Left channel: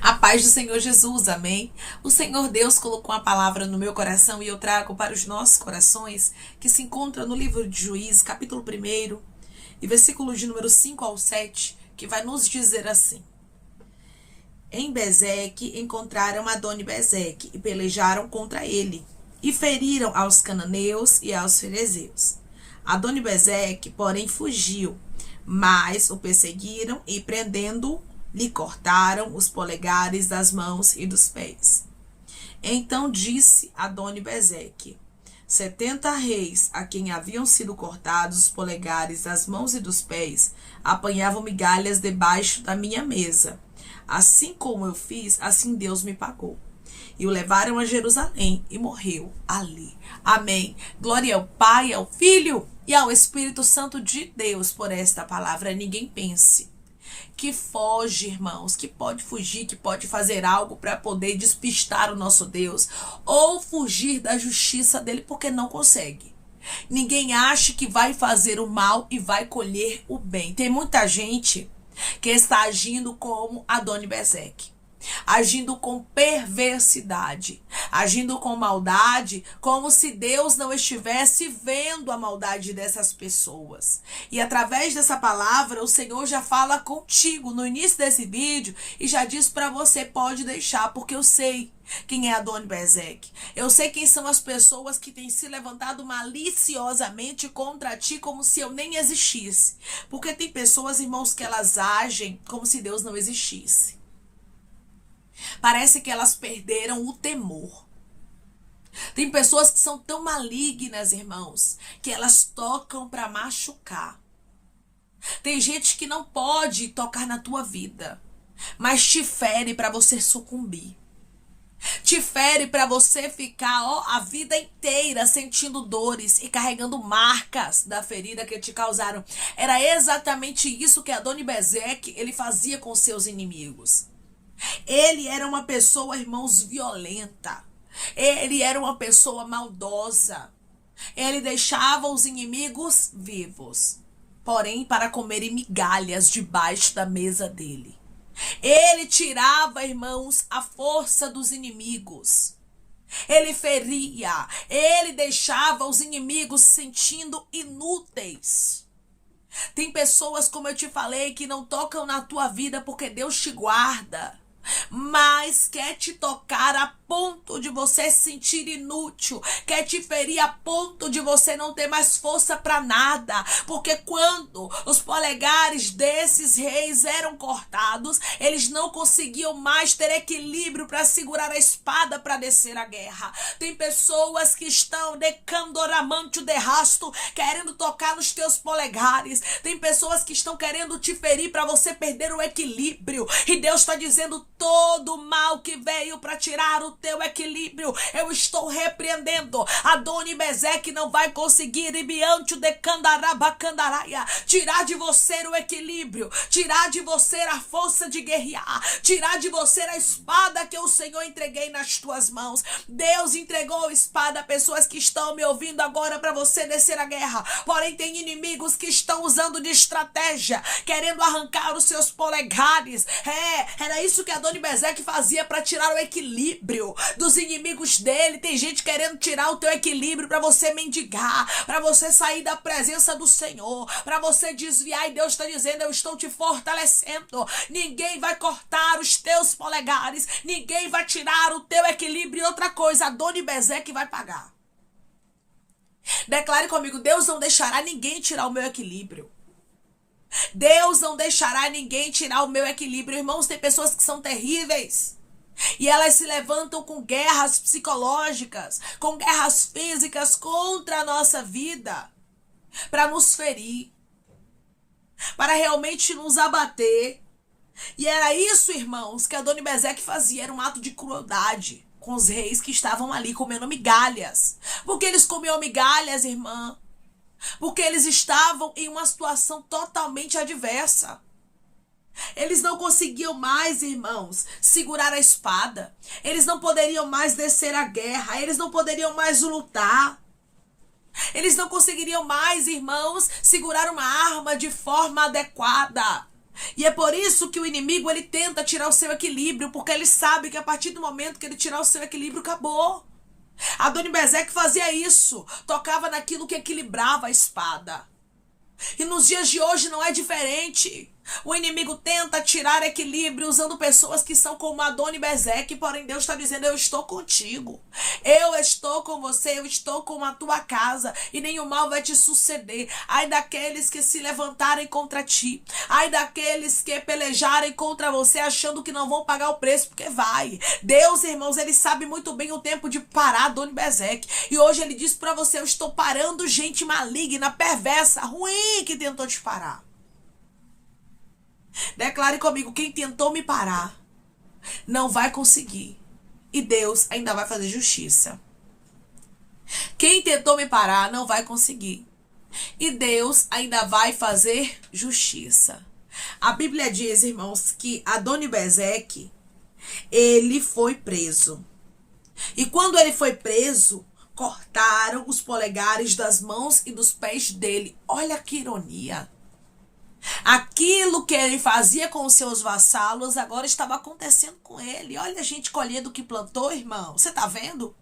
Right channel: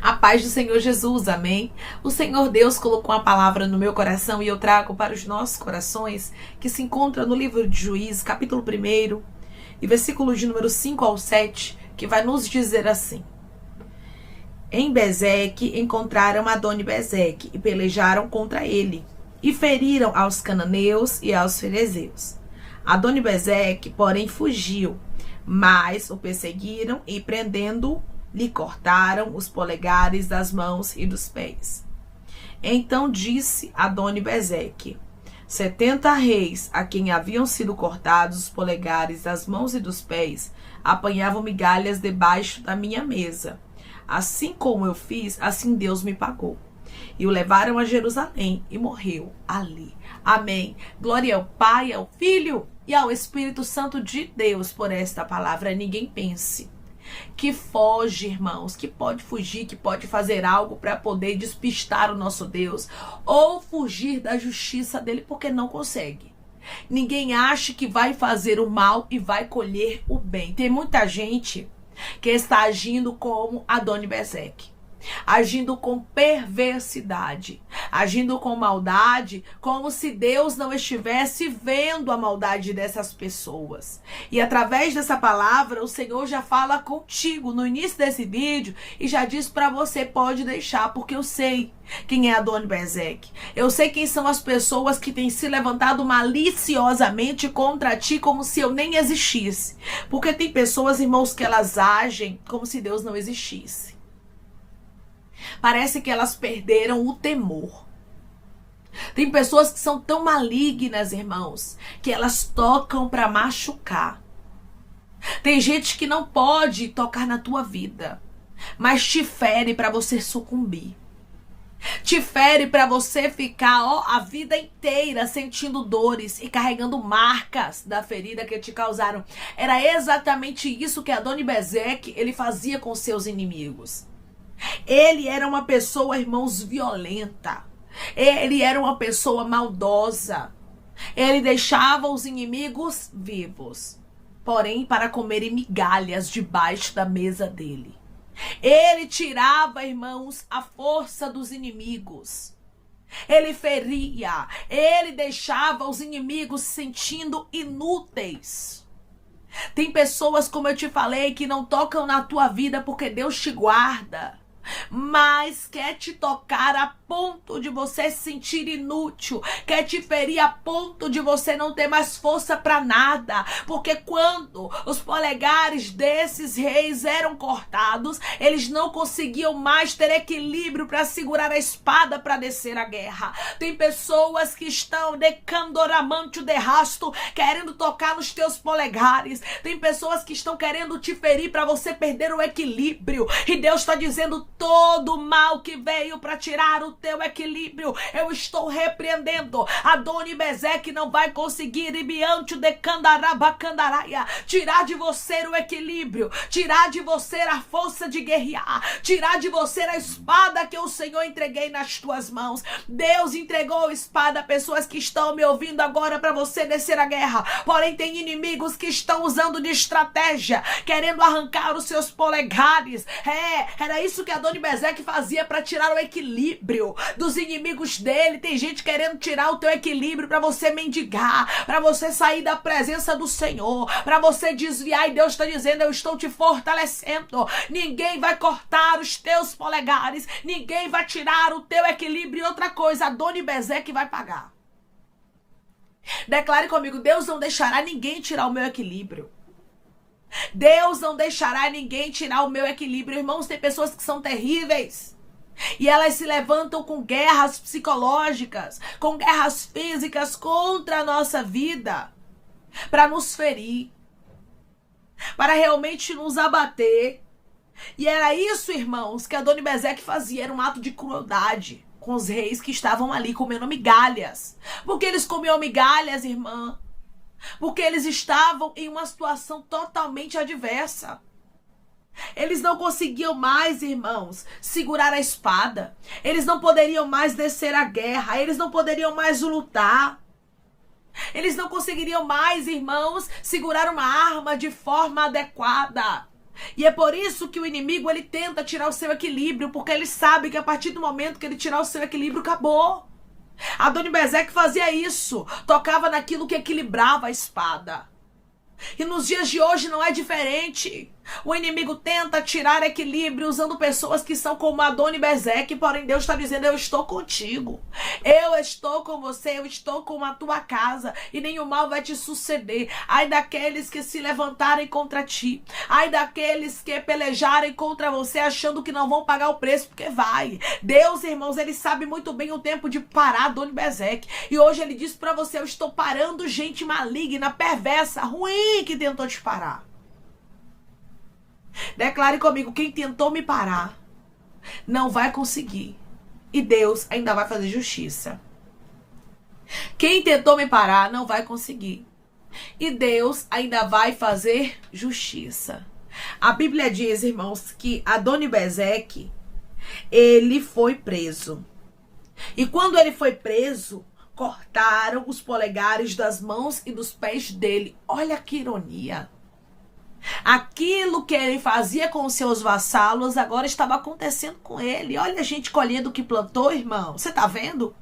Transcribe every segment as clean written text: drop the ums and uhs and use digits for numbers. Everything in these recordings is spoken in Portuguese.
A paz do Senhor Jesus, amém? O Senhor Deus colocou uma palavra no meu coração e eu trago para os nossos corações, que se encontra no livro de Juízes, capítulo 1, e versículo de número 5 ao 7, que vai nos dizer assim: Em Bezeque encontraram Adoni-Bezeque e pelejaram contra ele, e feriram aos cananeus e aos ferezeus. Adoni-Bezeque, porém, fugiu, mas o perseguiram e, prendendo-o, lhe cortaram os polegares das mãos e dos pés. Então disse Adoni-Bezeque: 70 reis, a quem haviam sido cortados os polegares das mãos e dos pés, apanhavam migalhas debaixo da minha mesa. Assim como eu fiz, assim Deus me pagou. E o levaram a Jerusalém e morreu ali. Amém. Glória ao Pai, ao Filho e ao Espírito Santo de Deus por esta palavra. Ninguém pense que foge, irmãos, que pode fugir, que pode fazer algo para poder despistar o nosso Deus ou fugir da justiça dele, porque não consegue. Ninguém acha que vai fazer o mal e vai colher o bem. Tem muita gente que está agindo como Adoni-Bezeque, agindo com perversidade, agindo com maldade, como se Deus não estivesse vendo a maldade dessas pessoas. E através dessa palavra, o Senhor já fala contigo no início desse vídeo e já diz para você: pode deixar, porque eu sei quem é Adoni-Bezeque. Eu sei quem são as pessoas que têm se levantado maliciosamente contra ti, como se eu nem existisse. Porque tem pessoas, irmãos, que elas agem como se Deus não existisse. Parece que elas perderam o temor. Tem pessoas que são tão malignas, irmãos, que elas tocam para machucar. Tem gente que não pode tocar na tua vida, mas te fere para você sucumbir. Te fere para você ficar a vida inteira sentindo dores e carregando marcas da ferida que te causaram. Era exatamente isso que Adoni-Bezeque ele fazia com seus inimigos. Ele era uma pessoa, irmãos, violenta. Ele era uma pessoa maldosa. Ele deixava os inimigos vivos, porém para comerem migalhas debaixo da mesa dele. Ele tirava, irmãos, a força dos inimigos. Ele feria. Ele deixava os inimigos se sentindo inúteis. Tem pessoas, como eu te falei, que não tocam na tua vida porque Deus te guarda, mas quer te tocar a ponto de você se sentir inútil, quer te ferir a ponto de você não ter mais força para nada, porque quando os polegares desses reis eram cortados, eles não conseguiam mais ter equilíbrio para segurar a espada para descer a guerra. Tem pessoas que estão decandoramante de rasto, querendo tocar nos teus polegares. Tem pessoas que estão querendo te ferir para você perder o equilíbrio, e Deus está dizendo: todo mal que veio para tirar o teu equilíbrio, eu estou repreendendo. Adoni-Bezeque não vai conseguir tirar de você o equilíbrio, tirar de você a força de guerrear, tirar de você a espada que o Senhor entreguei nas tuas mãos. Deus entregou a espada a pessoas que estão me ouvindo agora para você descer a guerra, porém tem inimigos que estão usando de estratégia, querendo arrancar os seus polegares. Era isso que Adoni-Bezeque fazia para tirar o equilíbrio dos inimigos dele. Tem gente querendo tirar o teu equilíbrio para você mendigar, para você sair da presença do Senhor, para você desviar, e Deus está dizendo: eu estou te fortalecendo. Ninguém vai cortar os teus polegares, ninguém vai tirar o teu equilíbrio. E outra coisa, Adoni-Bezeque vai pagar. Declare comigo: Deus não deixará ninguém tirar o meu equilíbrio. Deus não deixará ninguém tirar o meu equilíbrio. Irmãos, tem pessoas que são terríveis e elas se levantam com guerras psicológicas, com guerras físicas contra a nossa vida, para nos ferir, para realmente nos abater. E era isso, irmãos, que Adoni-Bezeque fazia. Era um ato de crueldade com os reis que estavam ali comendo migalhas. Porque eles comiam migalhas, irmã? Porque eles estavam em uma situação totalmente adversa. Eles não conseguiam mais, irmãos, segurar a espada. Eles não poderiam mais descer a guerra. Eles não poderiam mais lutar. Eles não conseguiriam mais, irmãos, segurar uma arma de forma adequada. E é por isso que o inimigo, ele tenta tirar o seu equilíbrio, porque ele sabe que a partir do momento que ele tirar o seu equilíbrio, acabou. Adoni-Bezeque fazia isso, tocava naquilo que equilibrava a espada. E nos dias de hoje não é diferente. O inimigo tenta tirar equilíbrio usando pessoas que são como Adoni-Bezeque, porém Deus está dizendo: eu estou contigo, eu estou com você, eu estou com a tua casa e nenhum mal vai te suceder. Ai daqueles que se levantarem contra ti, ai daqueles que pelejarem contra você achando que não vão pagar o preço, porque vai. Deus, irmãos, ele sabe muito bem o tempo de parar Adoni-Bezeque, e hoje ele diz para você: eu estou parando gente maligna, perversa, ruim, que tentou te parar. Declare comigo: quem tentou me parar não vai conseguir, e Deus ainda vai fazer justiça. Quem tentou me parar não vai conseguir, e Deus ainda vai fazer justiça. A Bíblia diz, irmãos, que Adoni-Bezeque, ele foi preso. E quando ele foi preso, cortaram os polegares das mãos e dos pés dele. Olha que ironia. Aquilo que ele fazia com os seus vassalos agora estava acontecendo com ele. Olha a gente colhendo o que plantou, irmão. Você está vendo?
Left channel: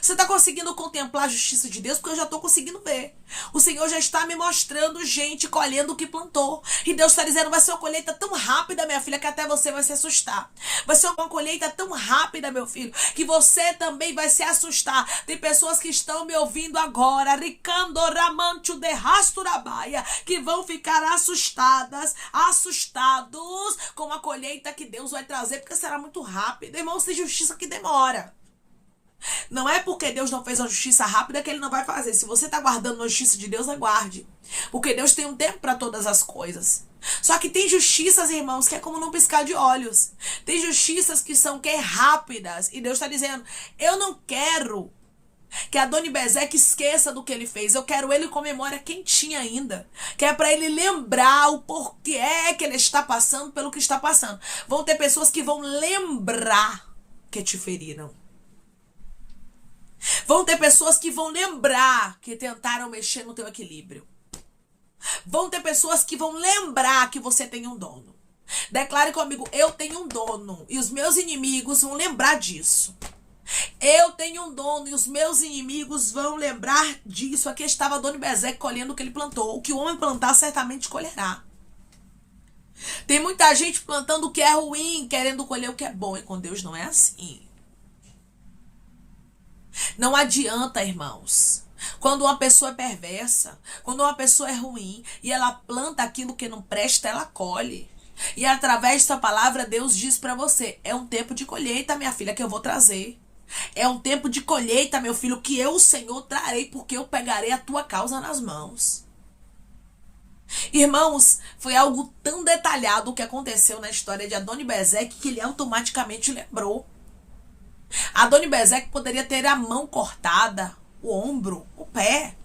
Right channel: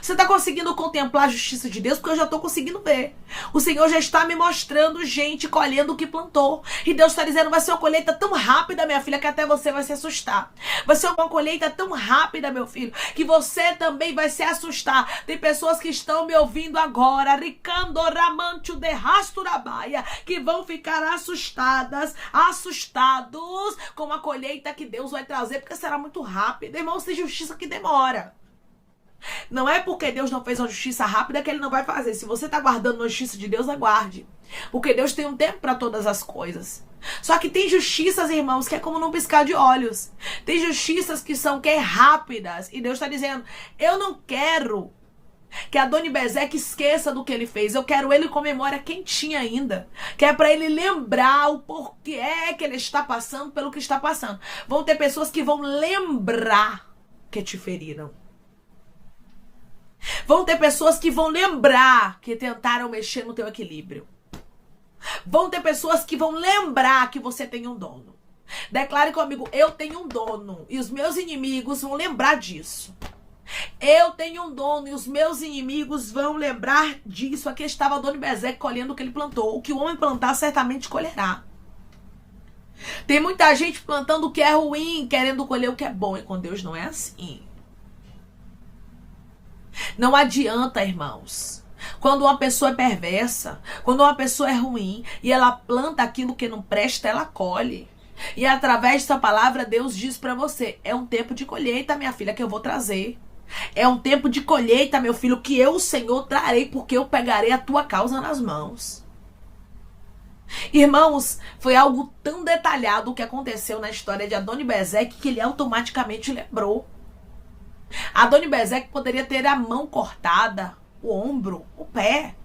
Você está conseguindo contemplar a justiça de Deus? Porque eu já estou conseguindo ver. O Senhor já está me mostrando gente colhendo o que plantou. E Deus está dizendo: vai ser uma colheita tão rápida, minha filha, que até você vai se assustar. Vai ser uma colheita tão rápida, meu filho, que você também vai se assustar. Tem pessoas que estão me ouvindo agora, que vão ficar assustados com a colheita que Deus vai trazer, porque será muito rápida. Irmãos, tem justiça que demora. Não é porque Deus não fez uma justiça rápida que ele não vai fazer. Se você está guardando a justiça de Deus, aguarde. Porque Deus tem um tempo para todas as coisas. Só que tem justiças, irmãos, que é como num piscar de olhos. Tem justiças que são rápidas. E Deus está dizendo: eu não quero que Adoni-Bezeque esqueça do que ele fez. Eu quero ele com memória quentinha ainda. Que é para ele lembrar o porquê é que ele está passando pelo que está passando. Vão ter pessoas que vão lembrar que te feriram. Vão ter pessoas que vão lembrar que tentaram mexer no teu equilíbrio. Vão ter pessoas que vão lembrar que você tem um dono. Declare comigo: eu tenho um dono, e os meus inimigos vão lembrar disso. Eu tenho um dono, e os meus inimigos vão lembrar disso. Aqui estava Adoni-Bezeque colhendo o que ele plantou. O que o homem plantar, certamente colherá. Tem muita gente plantando o que é ruim, querendo colher o que é bom, e com Deus não é assim. Não adianta, irmãos. Quando uma pessoa é perversa, quando uma pessoa é ruim e ela planta aquilo que não presta, ela colhe. E através dessa palavra, Deus diz para você: é um tempo de colheita, minha filha, que eu vou trazer. É um tempo de colheita, meu filho, que eu, o Senhor, trarei, porque eu pegarei a tua causa nas mãos. Irmãos, foi algo tão detalhado o que aconteceu na história de Adoni-Bezeque que ele automaticamente lembrou. Adoni-Bezeque poderia ter a mão cortada, o ombro, o pé,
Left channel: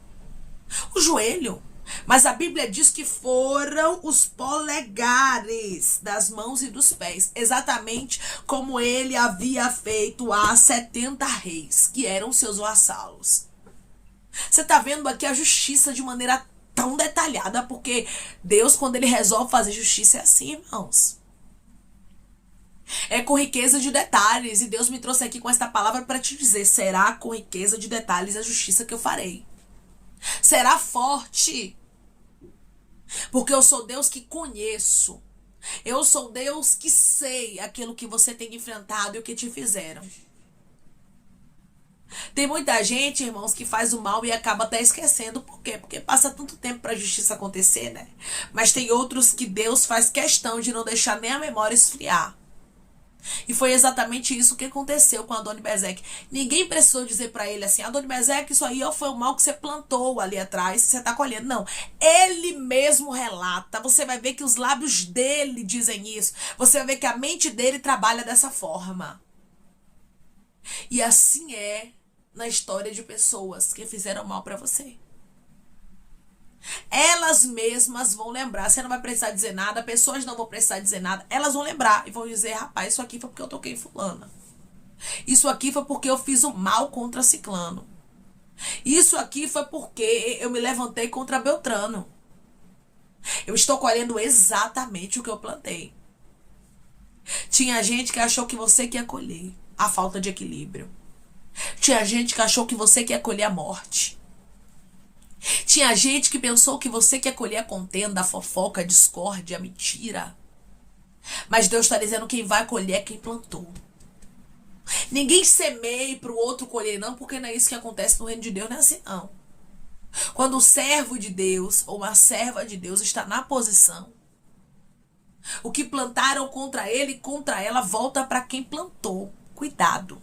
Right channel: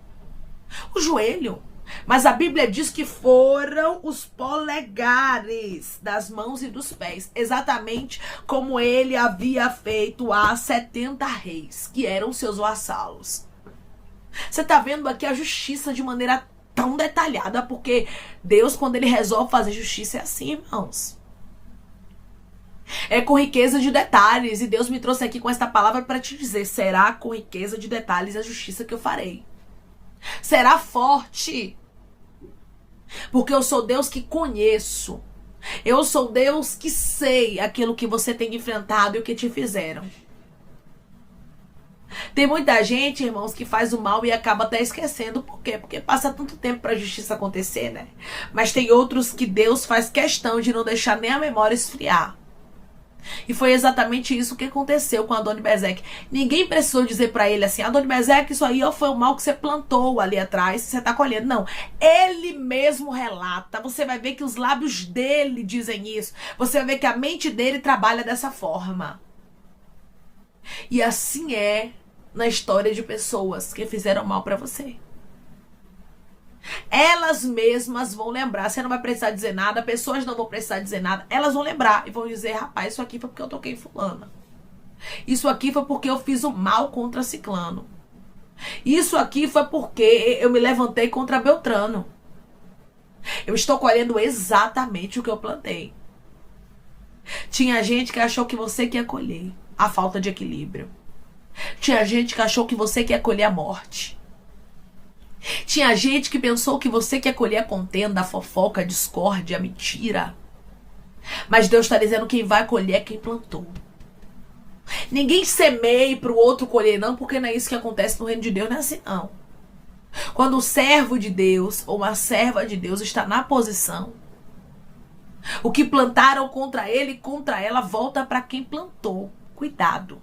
o joelho. Mas a Bíblia diz que foram os polegares das mãos e dos pés. Exatamente como ele havia feito a 70 reis, que eram seus vassalos. Você está vendo aqui a justiça de maneira tão detalhada, porque Deus, quando ele resolve fazer justiça, é assim, irmãos. É com riqueza de detalhes. E Deus me trouxe aqui com esta palavra para te dizer: será com riqueza de detalhes a justiça que eu farei. Será forte. Porque eu sou Deus que conheço. Eu sou Deus que sei aquilo que você tem enfrentado e o que te fizeram. Tem muita gente, irmãos, que faz o mal e acaba até esquecendo. Por quê? Porque passa tanto tempo para a justiça acontecer, né? Mas tem outros que Deus faz questão de não deixar nem a memória esfriar. E foi exatamente isso que aconteceu com Adoni-Bezeque. Ninguém precisou dizer para ele assim: Adoni-Bezeque, isso aí foi o mal que você plantou ali atrás, você está colhendo. Não, ele mesmo relata. Você vai ver que os lábios dele dizem isso. Você vai ver que a mente dele trabalha dessa forma. E assim é na história de pessoas que fizeram mal para você. Elas mesmas vão lembrar. Você não vai precisar dizer nada, pessoas não vão precisar dizer nada. Elas vão lembrar e vão dizer: rapaz, isso aqui foi porque eu toquei fulana. Isso aqui foi porque eu fiz o mal contra ciclano. Isso aqui foi porque eu me levantei contra Beltrano. Eu estou colhendo exatamente o que eu plantei. Tinha gente que achou que você que ia colher a falta de equilíbrio. Tinha gente que achou que você que ia colher a morte. Tinha gente que pensou que você que ia colher a contenda, a fofoca, a discórdia, a mentira. Mas Deus está dizendo que quem vai colher é quem plantou. Ninguém semeie para o outro colher, não, porque não é isso que acontece no reino de Deus, não é assim, não. Quando o servo de Deus ou a serva de Deus está na posição, o que plantaram contra ele e contra ela volta para quem plantou. Cuidado.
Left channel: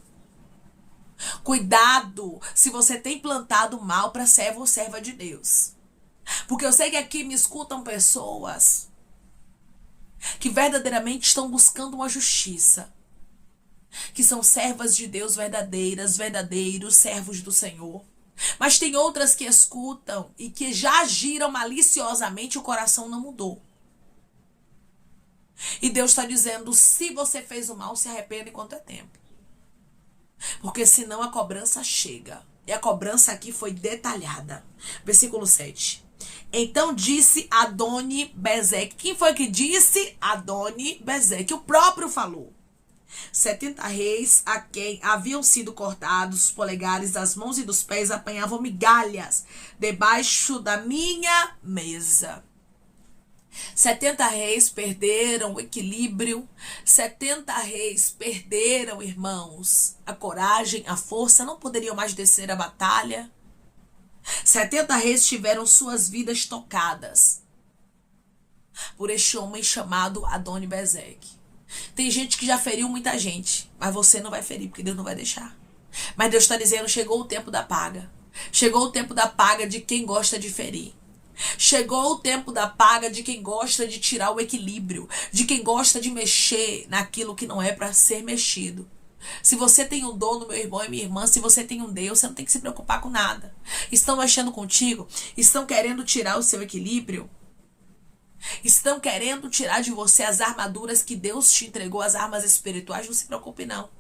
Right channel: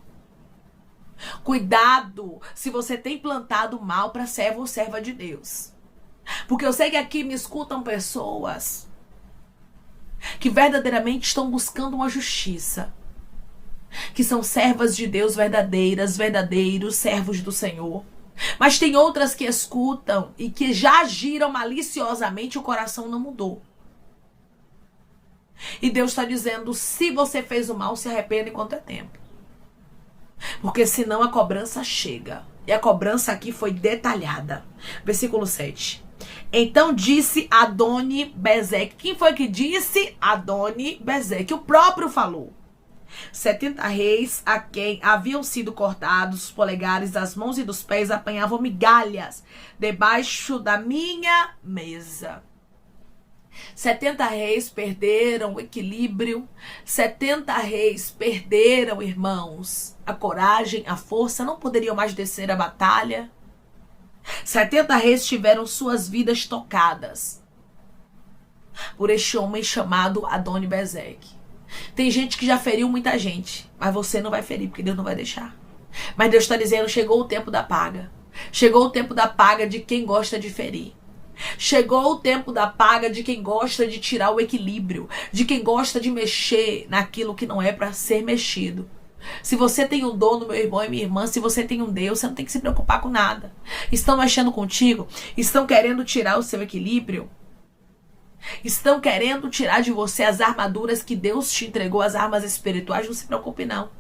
Cuidado se você tem plantado mal para servo ou serva de Deus. Porque eu sei que aqui me escutam pessoas que verdadeiramente estão buscando uma justiça. Que são servas de Deus verdadeiras, verdadeiros servos do Senhor. Mas tem outras que escutam e que já agiram maliciosamente, o coração não mudou. E Deus está dizendo, se você fez o mal, se arrependa enquanto é tempo. Porque senão a cobrança chega. E a cobrança aqui foi detalhada. Versículo 7. Então disse Adoni-Bezeque. Quem foi que disse? Adoni-Bezeque. O próprio falou. 70 reis a quem haviam sido cortados os polegares das mãos e dos pés apanhavam migalhas debaixo da minha mesa. 70 reis perderam o equilíbrio. 70 reis perderam, irmãos, a coragem, a força, não poderiam mais descer a batalha. 70 reis tiveram suas vidas tocadas por este homem chamado Adoni-Bezeque. Tem gente que já feriu muita gente, mas você não vai ferir, porque Deus não vai deixar. Mas Deus está dizendo, chegou o tempo da paga. Chegou o tempo da paga de quem gosta de ferir. Chegou o tempo da paga de quem gosta de tirar o equilíbrio, de quem gosta de mexer naquilo que não é para ser mexido. Se você tem um dono, meu irmão e minha irmã, se você tem um Deus, você não tem que se preocupar com nada. Estão mexendo contigo, estão querendo tirar o seu equilíbrio, estão querendo tirar de você as armaduras que Deus te entregou, as armas espirituais, não se preocupe não.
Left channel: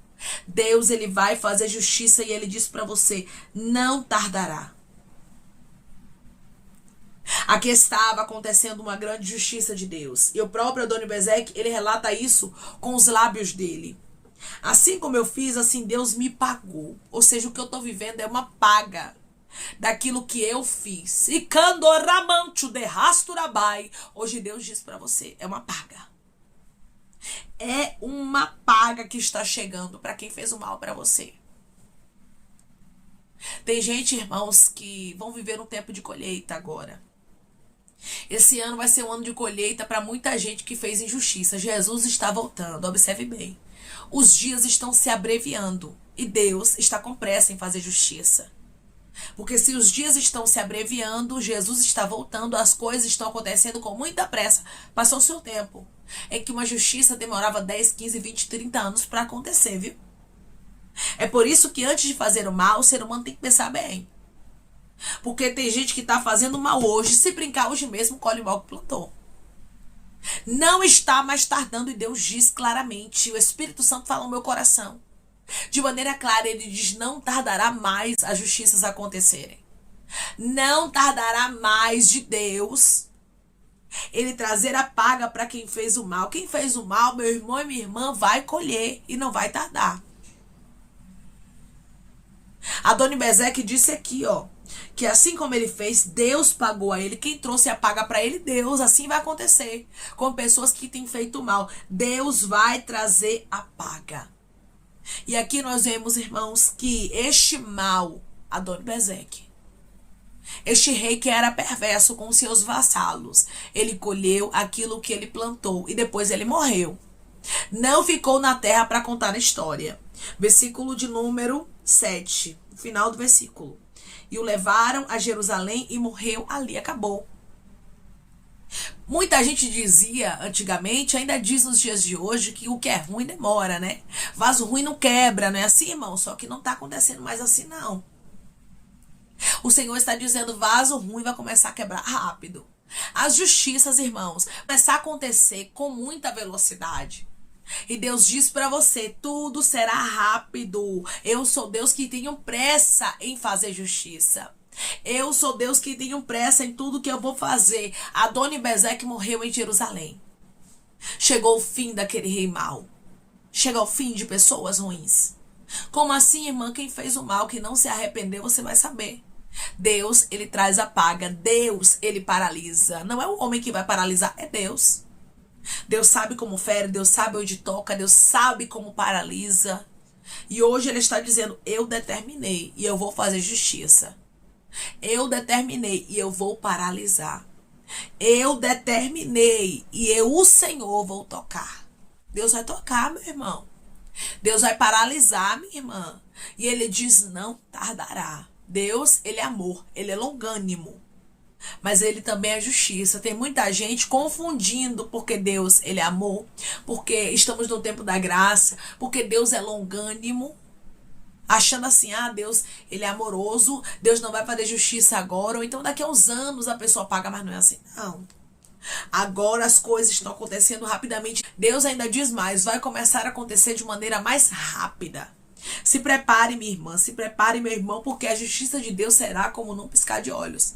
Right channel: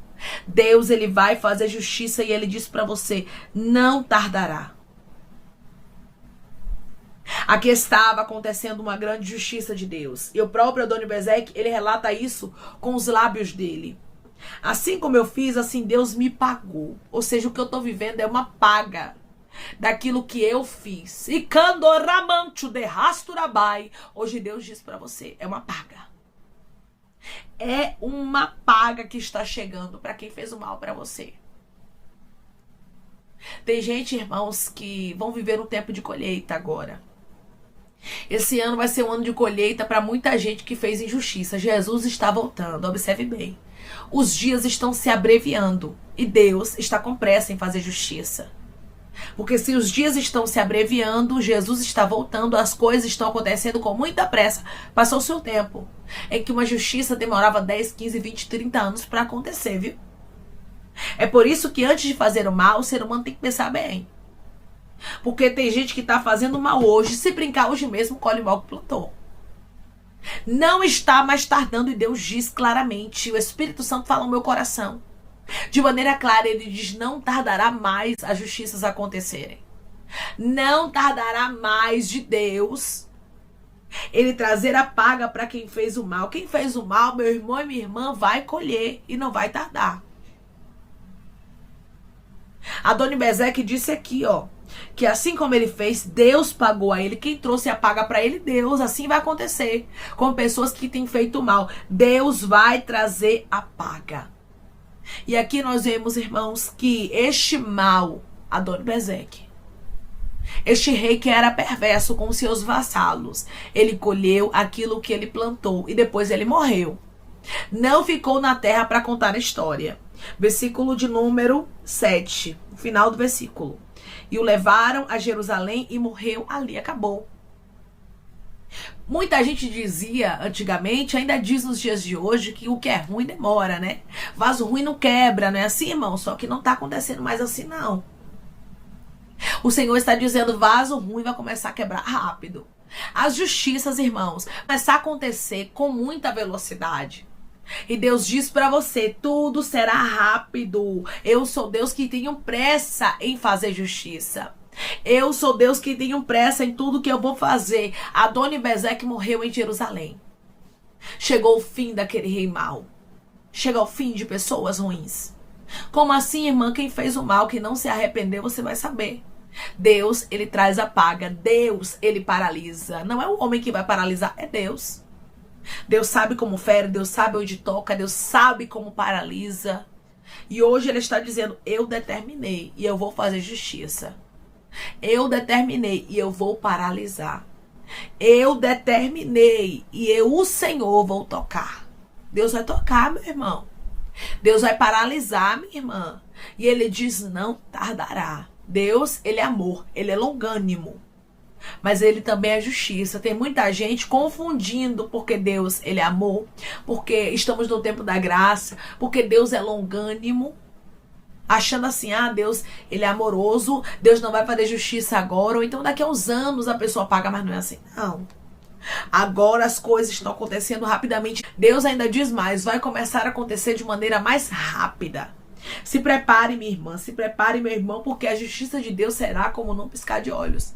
Deus, ele vai fazer justiça e ele diz para você, não tardará. Aqui estava acontecendo uma grande justiça de Deus. E o próprio Adoni-Bezeque, ele relata isso com os lábios dele. Assim como eu fiz, assim Deus me pagou. Ou seja, o que eu estou vivendo é uma paga daquilo que eu fiz. E candoramancho de rasturabai. Hoje Deus diz para você, é uma paga. É uma paga que está chegando para quem fez o mal para você. Tem gente, irmãos, que vão viver um tempo de colheita agora. Esse ano vai ser um ano de colheita para muita gente que fez injustiça. Jesus está voltando, observe bem. Os dias estão se abreviando e Deus está com pressa em fazer justiça. Porque se os dias estão se abreviando, Jesus está voltando, as coisas estão acontecendo com muita pressa. Passou o seu tempo em que uma justiça demorava 10, 15, 20, 30 anos para acontecer, viu? É por isso que antes de fazer o mal, o ser humano tem que pensar bem. Porque tem gente que está fazendo mal hoje, se brincar hoje mesmo, colhe o mal que plantou. Não está mais tardando e Deus diz claramente, o Espírito Santo fala no meu coração. De maneira clara, ele diz, não tardará mais as justiças acontecerem. Não tardará mais de Deus ele trazer a paga para quem fez o mal. Quem fez o mal, meu irmão e minha irmã, vai colher e não vai tardar. Adoni-Bezeque disse aqui, ó, que assim como ele fez, Deus pagou a ele. Quem trouxe a paga para ele? Deus. Assim vai acontecer com pessoas que têm feito mal. Deus vai trazer a paga. E aqui nós vemos, irmãos, que este mal, Adoni-Bezeque, este rei que era perverso com seus vassalos, ele colheu aquilo que ele plantou e depois ele morreu. Não ficou na terra para contar a história. Versículo de número 7, final do versículo. E o levaram a Jerusalém e morreu ali, acabou. Muita gente dizia antigamente, ainda diz nos dias de hoje, que o que é ruim demora, né? Vaso ruim não quebra, não é assim, irmão? Só que não está acontecendo mais assim, não. O Senhor está dizendo, vaso ruim vai começar a quebrar rápido. As justiças, irmãos, vai começar a acontecer com muita velocidade. E Deus diz para você, tudo será rápido. Eu sou Deus que tenho pressa em fazer justiça. Eu sou Deus que tenho pressa em tudo que eu vou fazer. Adoni-Bezeque morreu em Jerusalém. Chegou o fim daquele rei mau. Chega ao fim de pessoas ruins. Como assim, irmã? Quem fez o mal, que não se arrependeu, você vai saber. Deus, ele traz a paga. Deus, ele paralisa. Não é o homem que vai paralisar, é Deus. Deus sabe como fere, Deus sabe onde toca, Deus sabe como paralisa. E hoje ele está dizendo, eu determinei e eu vou fazer justiça. Eu determinei e eu vou paralisar. Eu determinei e eu, o Senhor, vou tocar. Deus vai tocar, meu irmão. Deus vai paralisar, minha irmã. E ele diz, não tardará. Deus, ele é amor, ele é longânimo. Mas ele também é justiça. Tem muita gente confundindo porque Deus, ele é amor, porque estamos no tempo da graça, porque Deus é longânimo, achando assim, Deus, ele é amoroso, Deus não vai fazer justiça agora, ou então daqui a uns anos a pessoa paga, mas não é assim, não. Agora as coisas estão acontecendo rapidamente. Deus ainda diz mais, vai começar a acontecer de maneira mais rápida. Se prepare, minha irmã, se prepare, meu irmão, porque a justiça de Deus será como num piscar de olhos.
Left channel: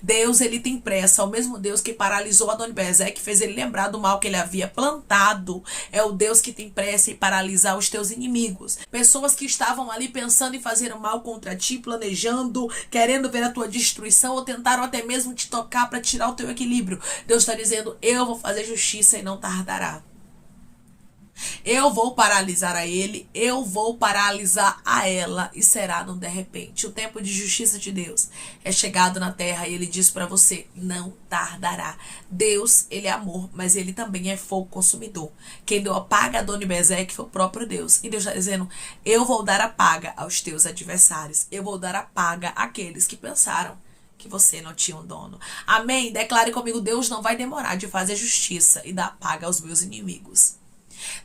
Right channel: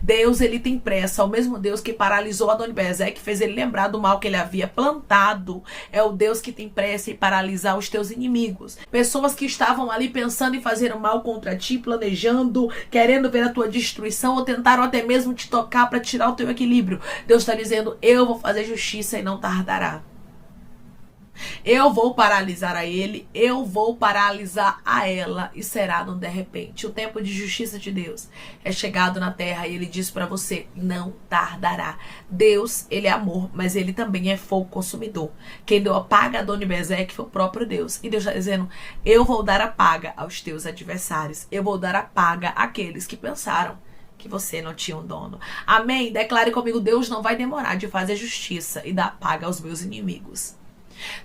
Deus, ele tem pressa. O mesmo Deus que paralisou Adoni-Bezeque, fez ele lembrar do mal que ele havia plantado, é o Deus que tem pressa em paralisar os teus inimigos. Pessoas que estavam ali pensando em fazer o mal contra ti, planejando, querendo ver a tua destruição, ou tentaram até mesmo te tocar para tirar o teu equilíbrio. Deus está dizendo, eu vou fazer justiça e não tardará. Eu vou paralisar a ele, eu vou paralisar a ela, e será no de repente. O tempo de justiça de Deus é chegado na terra, e ele diz para você, não tardará. Deus, ele é amor, mas ele também é fogo consumidor. Quem deu a paga a Adoni-Bezeque foi o próprio Deus. E Deus está dizendo, eu vou dar a paga aos teus adversários, eu vou dar a paga àqueles que pensaram que você não tinha um dono. Amém? Declare comigo, Deus não vai demorar de fazer justiça e dar paga aos meus inimigos.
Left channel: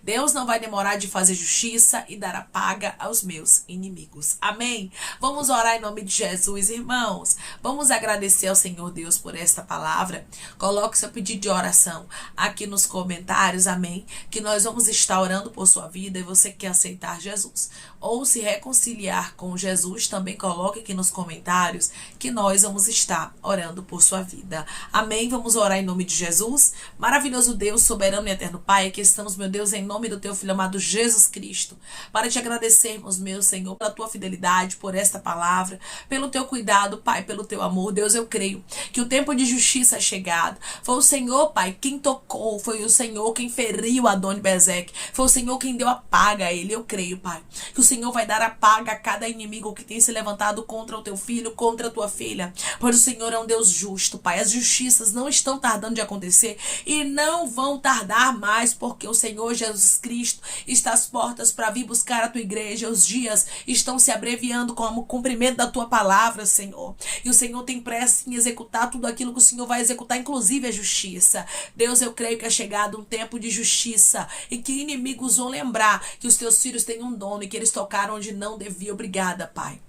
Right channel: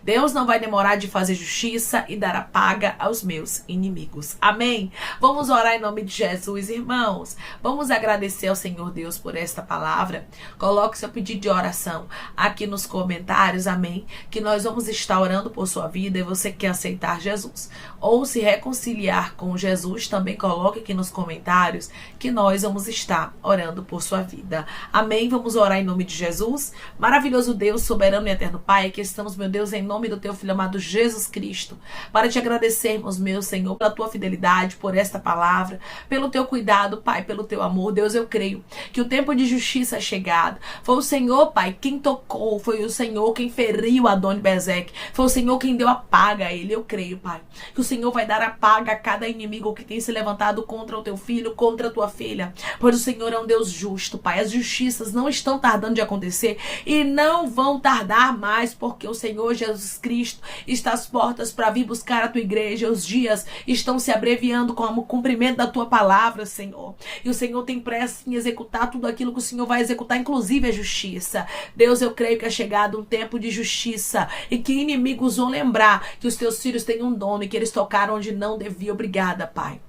Deus não vai demorar de fazer justiça e dar a paga aos meus inimigos. Amém? Vamos orar em nome de Jesus, irmãos. Vamos agradecer ao Senhor Deus por esta palavra. Coloque seu pedido de oração aqui nos comentários, amém? Que nós vamos estar orando por sua vida e você quer aceitar Jesus ou se reconciliar com Jesus, também coloque aqui nos comentários que nós vamos estar orando por sua vida. Amém? Vamos orar em nome de Jesus. Maravilhoso Deus, soberano e eterno Pai, aqui estamos, meu Deus, em nome do teu Filho amado Jesus Cristo, para te agradecermos, meu Senhor, pela tua fidelidade, por esta palavra, pelo teu cuidado, Pai, pelo teu amor. Deus, eu creio que o tempo de justiça é chegado. Foi o Senhor, Pai, quem tocou, foi o Senhor quem feriu Adoni-Bezeque, foi o Senhor quem deu a paga a ele. Eu creio, Pai, que o Senhor vai dar a paga a cada inimigo que tem se levantado contra o teu filho, contra a tua filha, pois o Senhor é um Deus justo, Pai. As justiças não estão tardando de acontecer e não vão tardar mais, porque o Senhor Jesus Cristo está às portas para vir buscar a tua igreja. Os dias estão se abreviando com o cumprimento da tua palavra, Senhor. E o Senhor tem pressa em executar tudo aquilo que o Senhor vai executar, inclusive a justiça. Deus, eu creio que é chegado um tempo de justiça e que inimigos vão lembrar que os teus filhos têm um dono e que eles tocaram onde não devia. Obrigada, Pai.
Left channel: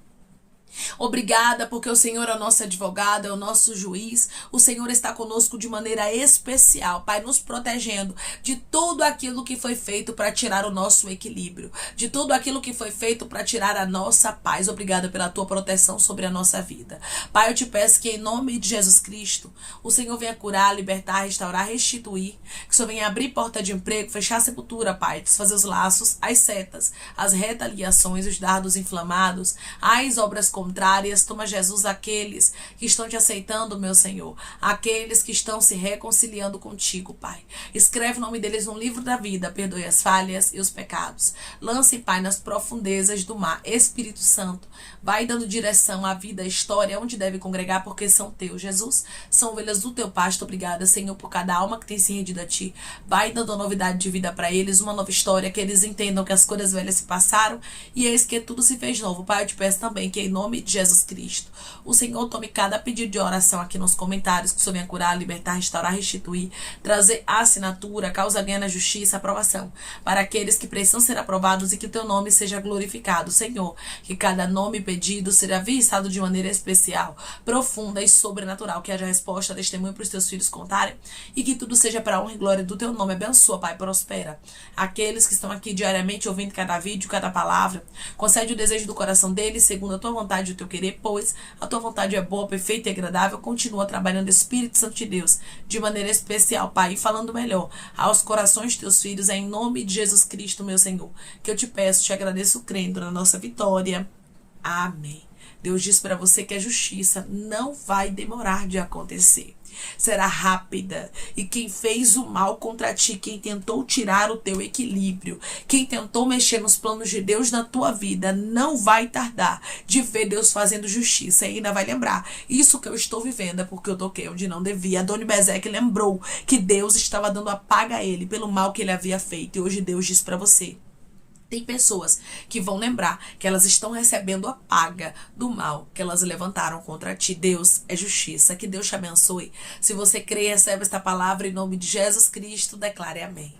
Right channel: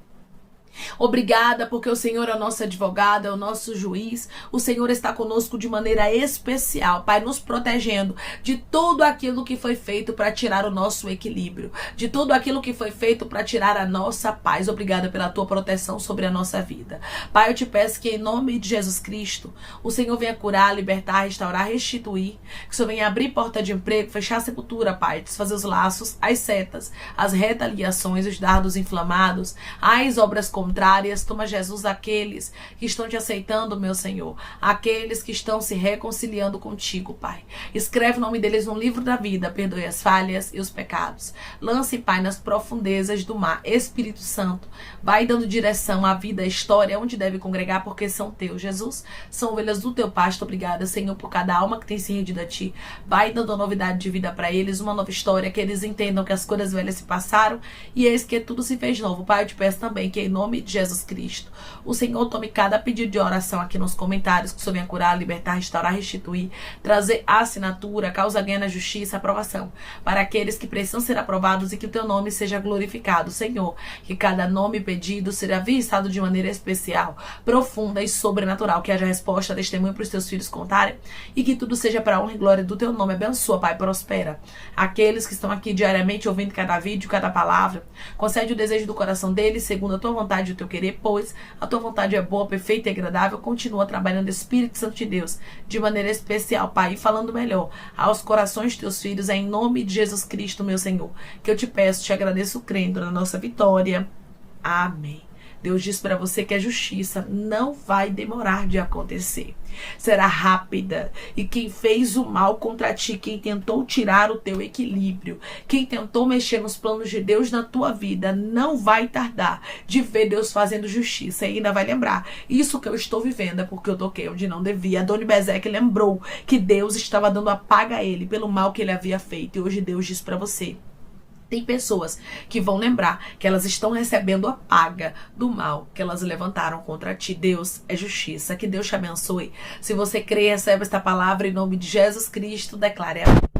Obrigada, porque o Senhor é o nosso advogado, é o nosso juiz. O Senhor está conosco de maneira especial, Pai, nos protegendo de tudo aquilo que foi feito para tirar o nosso equilíbrio, de tudo aquilo que foi feito para tirar a nossa paz. Obrigada pela tua proteção sobre a nossa vida. Pai, eu te peço que em nome de Jesus Cristo, o Senhor venha curar, libertar, restaurar, restituir, que o Senhor venha abrir porta de emprego, fechar a sepultura, Pai, desfazer os laços, as setas, as retaliações, os dardos inflamados, as obras contrárias. Toma, Jesus, aqueles que estão te aceitando, meu Senhor, aqueles que estão se reconciliando contigo, Pai. Escreve o nome deles no livro da vida, perdoe as falhas e os pecados. Lance, Pai, nas profundezas do mar. Espírito Santo, vai dando direção à vida, à história, onde deve congregar, porque são teus, Jesus. São ovelhas do teu pasto. Obrigada, Senhor, por cada alma que tem se rendido a ti. Vai dando novidade de vida para eles, uma nova história, que eles entendam que as coisas velhas se passaram e eis que tudo se fez novo. Pai, eu te peço também que em nome de Jesus Cristo, o Senhor tome cada pedido de oração aqui nos comentários, que o Senhor venha curar, libertar, restaurar, restituir, trazer assinatura, causa ganha na justiça, aprovação para aqueles que precisam ser aprovados e que o teu nome seja glorificado, Senhor. Que cada nome pedido seja visitado de maneira especial, profunda e sobrenatural, que haja resposta, testemunho para os teus filhos contarem e que tudo seja para a honra e glória do teu nome. Abençoa, Pai, prospera aqueles que estão aqui diariamente ouvindo cada vídeo, cada palavra. Concede o desejo do coração deles, segundo a tua vontade, vontade, o teu querer, pois a tua vontade é boa, perfeita e agradável. Continua trabalhando, Espírito Santo de Deus, de maneira especial, Pai, e falando melhor aos corações de teus filhos, é em nome de Jesus Cristo, meu Senhor, que eu te peço, te agradeço, crendo na nossa vitória. Amém. Deus diz para você que a justiça não vai demorar de acontecer. Será rápida. E quem fez o mal contra ti, quem tentou tirar o teu equilíbrio, quem tentou mexer nos planos de Deus na tua vida, não vai tardar de ver Deus fazendo justiça. E ainda vai lembrar, isso que eu estou vivendo é porque eu toquei onde não devia. Adoni-Bezeque lembrou que Deus estava dando a paga a ele pelo mal que ele havia feito. E hoje Deus diz para você, tem pessoas que vão lembrar que elas estão recebendo a paga do mal que elas levantaram contra ti. Deus é justiça. Que Deus te abençoe. Se você crê, recebe esta palavra em nome de Jesus Cristo. Declare amém.